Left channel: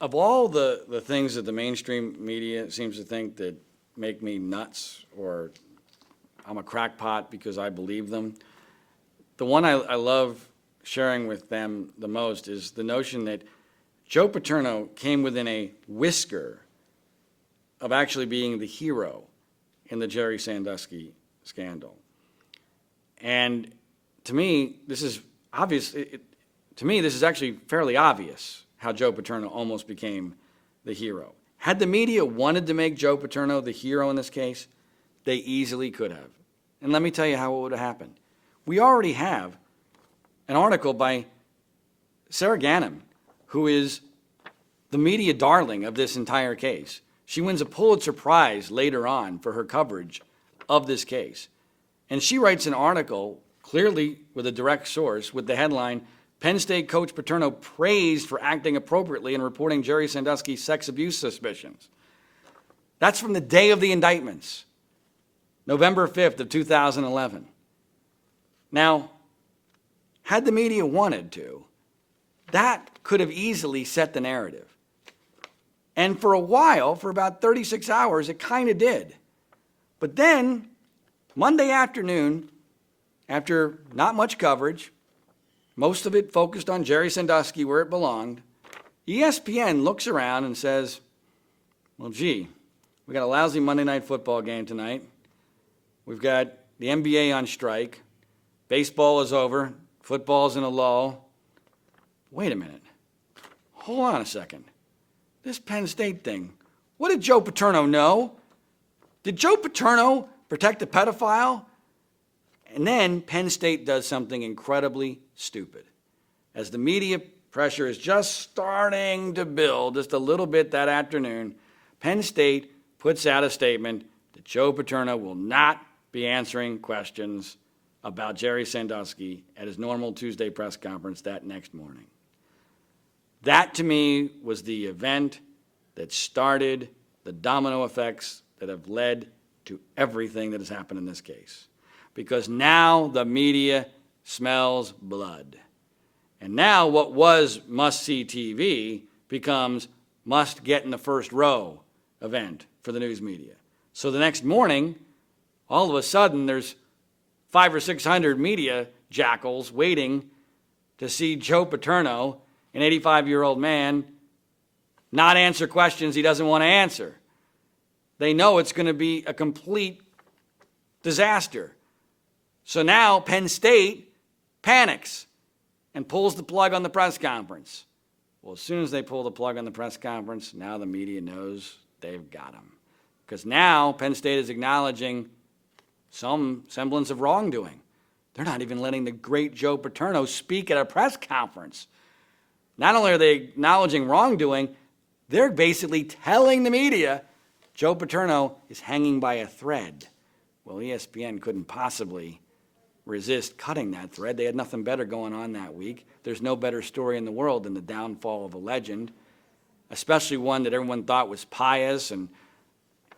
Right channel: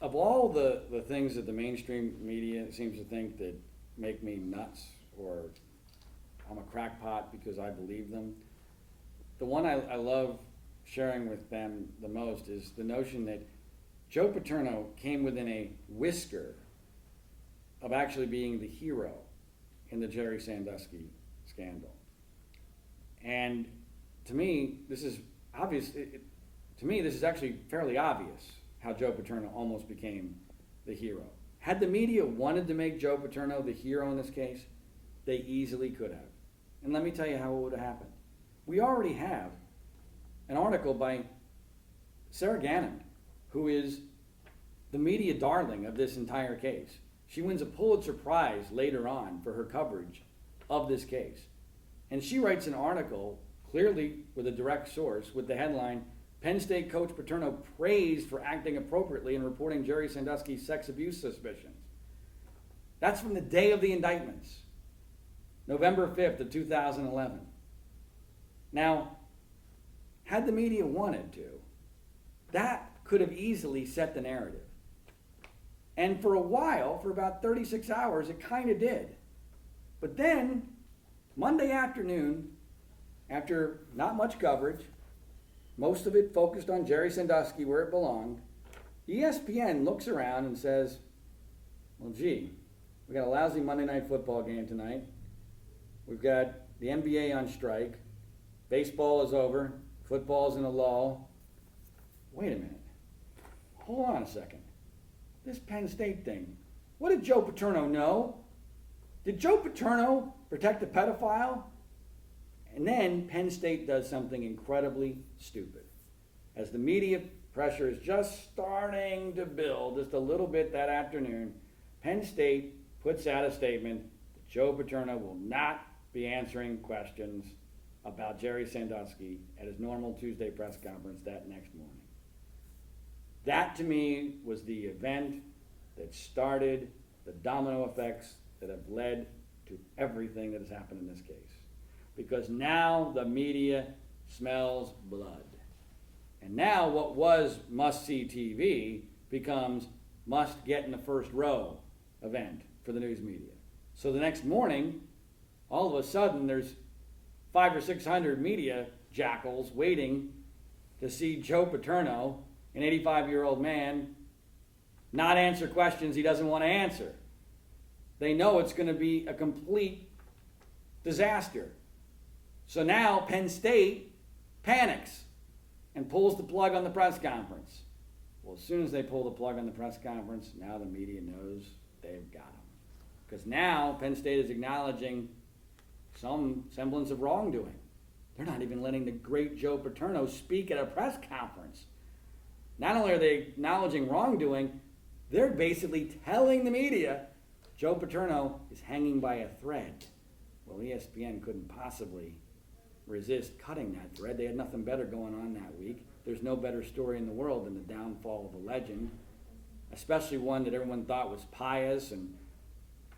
of all the things that the mainstream media seems to think that make me nuts or I'm a crackpot because I believe them, the one I love sharing with them the most is the notion that Joe Paterno came within a whisker of actually being the hero in the Jerry Sandusky scandal. And to me, this is obvious. To me, this is actually fairly obvious how Joe Paterno almost became the hero. Had the media wanted to make Joe Paterno the hero in this case, they easily could have. And let me tell you how it would have happened. We already have an article by Sarah Ganim, who is the media darling of this entire case. She wins a Pulitzer Prize later on for her coverage of this case. And she writes an article, clearly with a direct source, with the headline, Penn State coach Paterno praised for acting appropriately in reporting Jerry Sandusky's sex abuse suspicions. That's from the day of the indictments, November 5th of 2011. Now, had the media wanted to, that could have easily set the narrative. And for a while, for about 36 hours, it kind of did. But then, Monday afternoon, after not much coverage, most of it focused on Jerry Sandusky where it belonged, ESPN looks around and says, well, gee, we got a lousy Monday Night Football game tonight. We've got the NBA on strike. Baseball is over. Football's in a lull. Wait a minute. Hold on a second. This Penn State thing, what did Joe Paterno know? Did Joe Paterno protect a pedophile? And then Penn State does something incredibly stupid. As the media pressure is just starting to build just a little bit that afternoon, Penn State puts out a statement that Joe Paterno will not be answering questions about Jerry Sandusky at his normal Tuesday press conference that next morning. That, to me, was the event that started the domino effects that have led to everything that has happened in this case. Because now the media smells blood. And now what was must-see TV becomes must-get-in-the-first-row event for the news media. So the next morning, all of a sudden, there's 500 or 600 media jackals waiting to see Joe Paterno, an 85-year-old man, not answer questions he doesn't want to answer. They know it's going to be a complete disaster. So now Penn State panics and pulls the plug on the press conference. Well, as soon as they pull the plug on the press conference, now the media knows they've got him. Because now Penn State is acknowledging some semblance of wrongdoing. They're not even letting the great Joe Paterno speak at a press conference. Not only are they acknowledging wrongdoing, they're basically telling the media Joe Paterno is hanging by a thread. Well, ESPN couldn't possibly resist cutting that thread. They had nothing better going on that week. There's no better story in the world than the downfall of a legend, especially one that everyone thought was pious and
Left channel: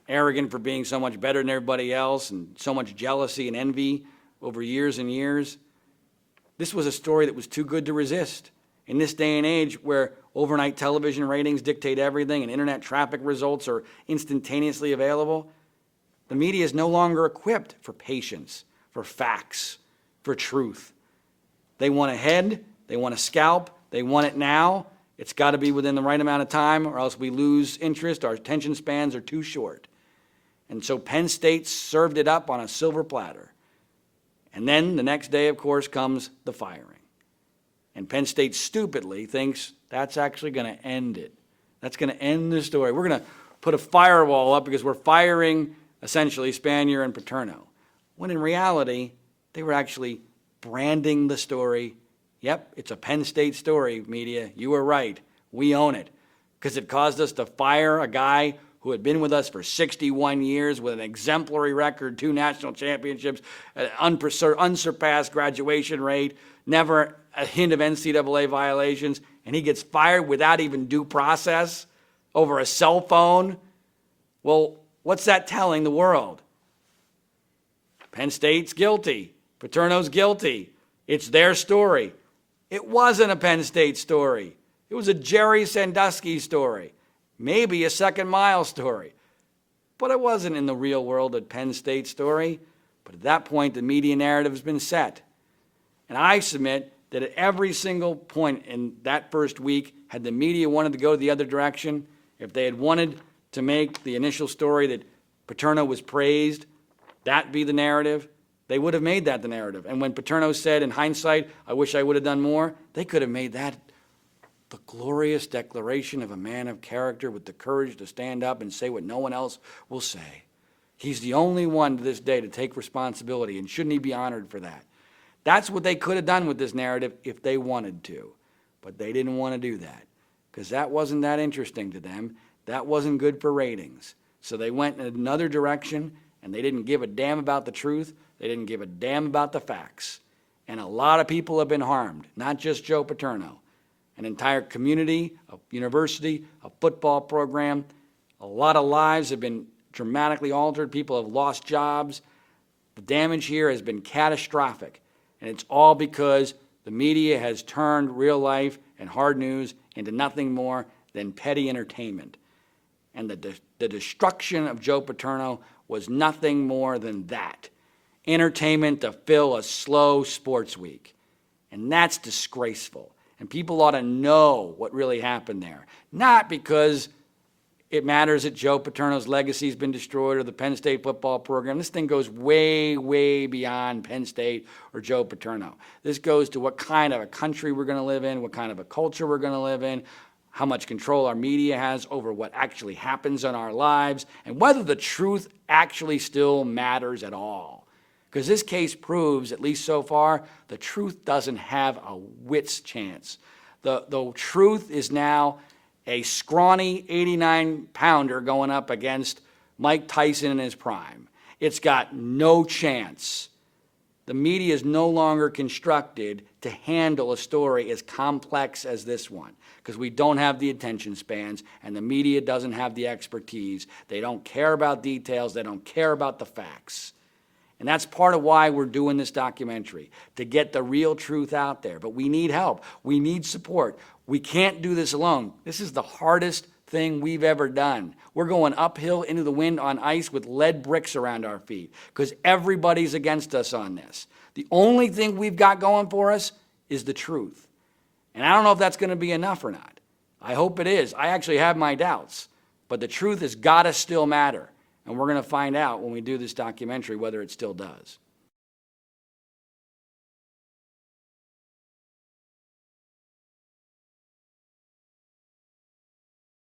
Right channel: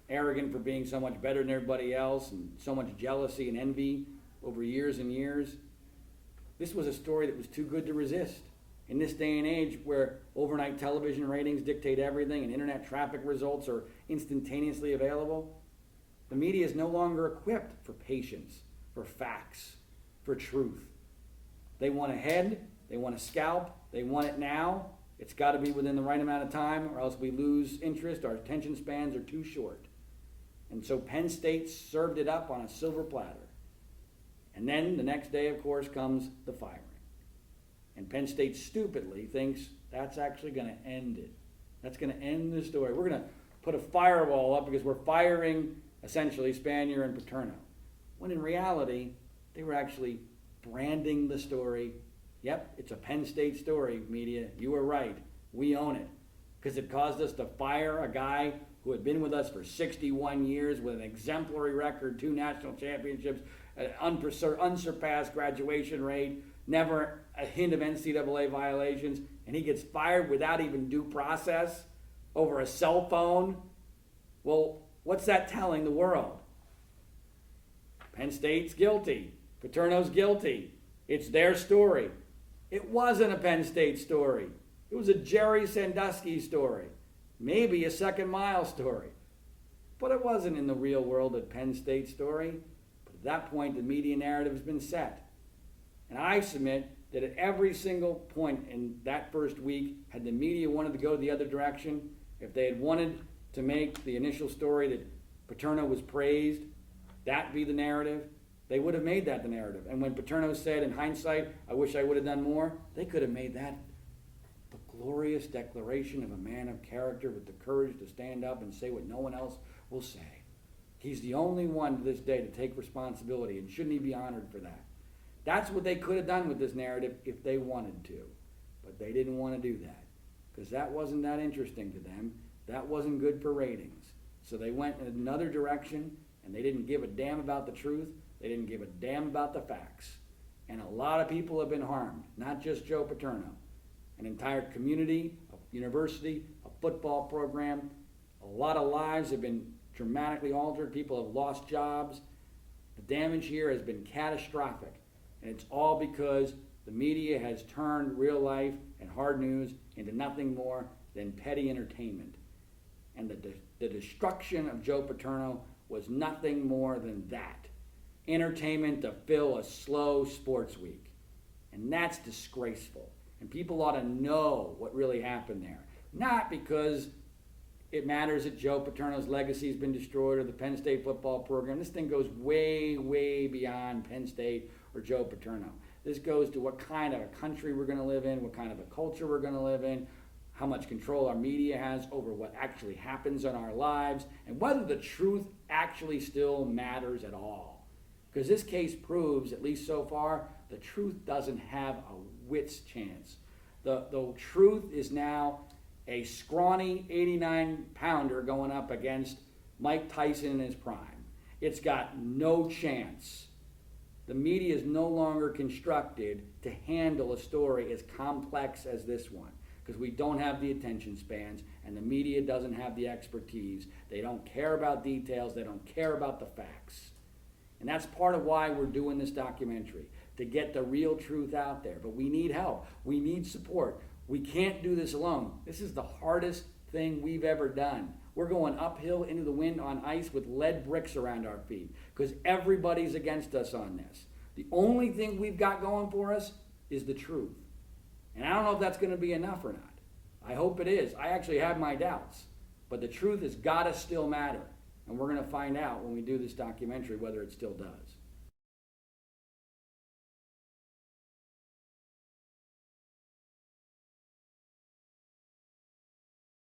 arrogant for being so much better than everybody else and so much jealousy and envy over years and years. This was a story that was too good to resist. In this day and age where overnight television ratings dictate everything and internet traffic results are instantaneously available, the media is no longer equipped for patience, for facts, for truth. They want a head, they want a scalp, they want it now. It's got to be within the right amount of time or else we lose interest, our attention spans are too short. And so Penn State served it up on a silver platter. And then the next day, of course, comes the firing. And Penn State stupidly thinks that's actually going to end it. That's going to end the story. We're going to put a firewall up because we're firing, essentially, Spanier and Paterno. When in reality, they were actually branding the story. Yep, it's a Penn State story, media. You were right. We own it. Because it caused us to fire a guy who had been with us for 61 years with an exemplary record, 2 national championships, an unsurpassed graduation rate, never a hint of NCAA violations, and he gets fired without even due process over a cell phone. Well, what's that telling the world? Penn State's guilty. Paterno's guilty. It's their story. It wasn't a Penn State story. It was a Jerry Sandusky story, maybe a Second Mile story. But it wasn't in the real world a Penn State story. But at that point, the media narrative has been set. And I submit that at every single point in that first week, had the media wanted to go the other direction, if they had wanted to make the initial story that Paterno was praised, that be the narrative, they would have made that the narrative. And when Paterno said, in hindsight, I wish I would have done more, they could have made that the glorious declaration of a man of character with the courage to stand up and say what no one else will say. He's the only one to this day to take responsibility, and shouldn't he be honored for that? That's what they could have done with this narrative if they wanted to. But they didn't want to do that because that wasn't that interesting to them. That wasn't good for ratings. So they went in another direction, and they didn't give a damn about the truth. They didn't give a damn about the facts. And a lot of people have been harmed, not just Joe Paterno. An entire community, a university, a football program. A lot of lives have been dramatically altered. People have lost jobs. The damage here has been catastrophic. And it's all because the media has turned real life and hard news into nothing more than petty entertainment. And the destruction of Joe Paterno was nothing more than that. Entertainment to fill a slow sports week. And that's disgraceful. And people ought to know what really happened there. Not because it matters that Joe Paterno's legacy has been destroyed or the Penn State football program. This thing goes way, way beyond Penn State or Joe Paterno. This goes to what kind of a country we're going to live in, what kind of a culture we're going to live in, how much control our media has over what actually happens in our lives, and whether the truth actually still matters at all. Because this case proves, at least so far, the truth doesn't have a whit's chance. The truth is now a scrawny 89-pounder going up against Mike Tyson in his prime. It's got no chance. The media is no longer constructed to handle a story as complex as this one because we don't have the attention spans and the media doesn't have the expertise. They don't care about details. They don't care about the facts. And that's part of why we're doing this documentary, to get the real truth out there. But we need help. We need support. We can't do this alone. This is the hardest thing we've ever done. We're going uphill into the wind on ice with lead bricks around our feet because everybody's against us on this. The only thing we've got going for us is the truth. And I don't know if that's going to be enough or not. I hope it is. I actually have my doubts. But the truth has got to still matter. And we're going to find out when we do this documentary whether it still does.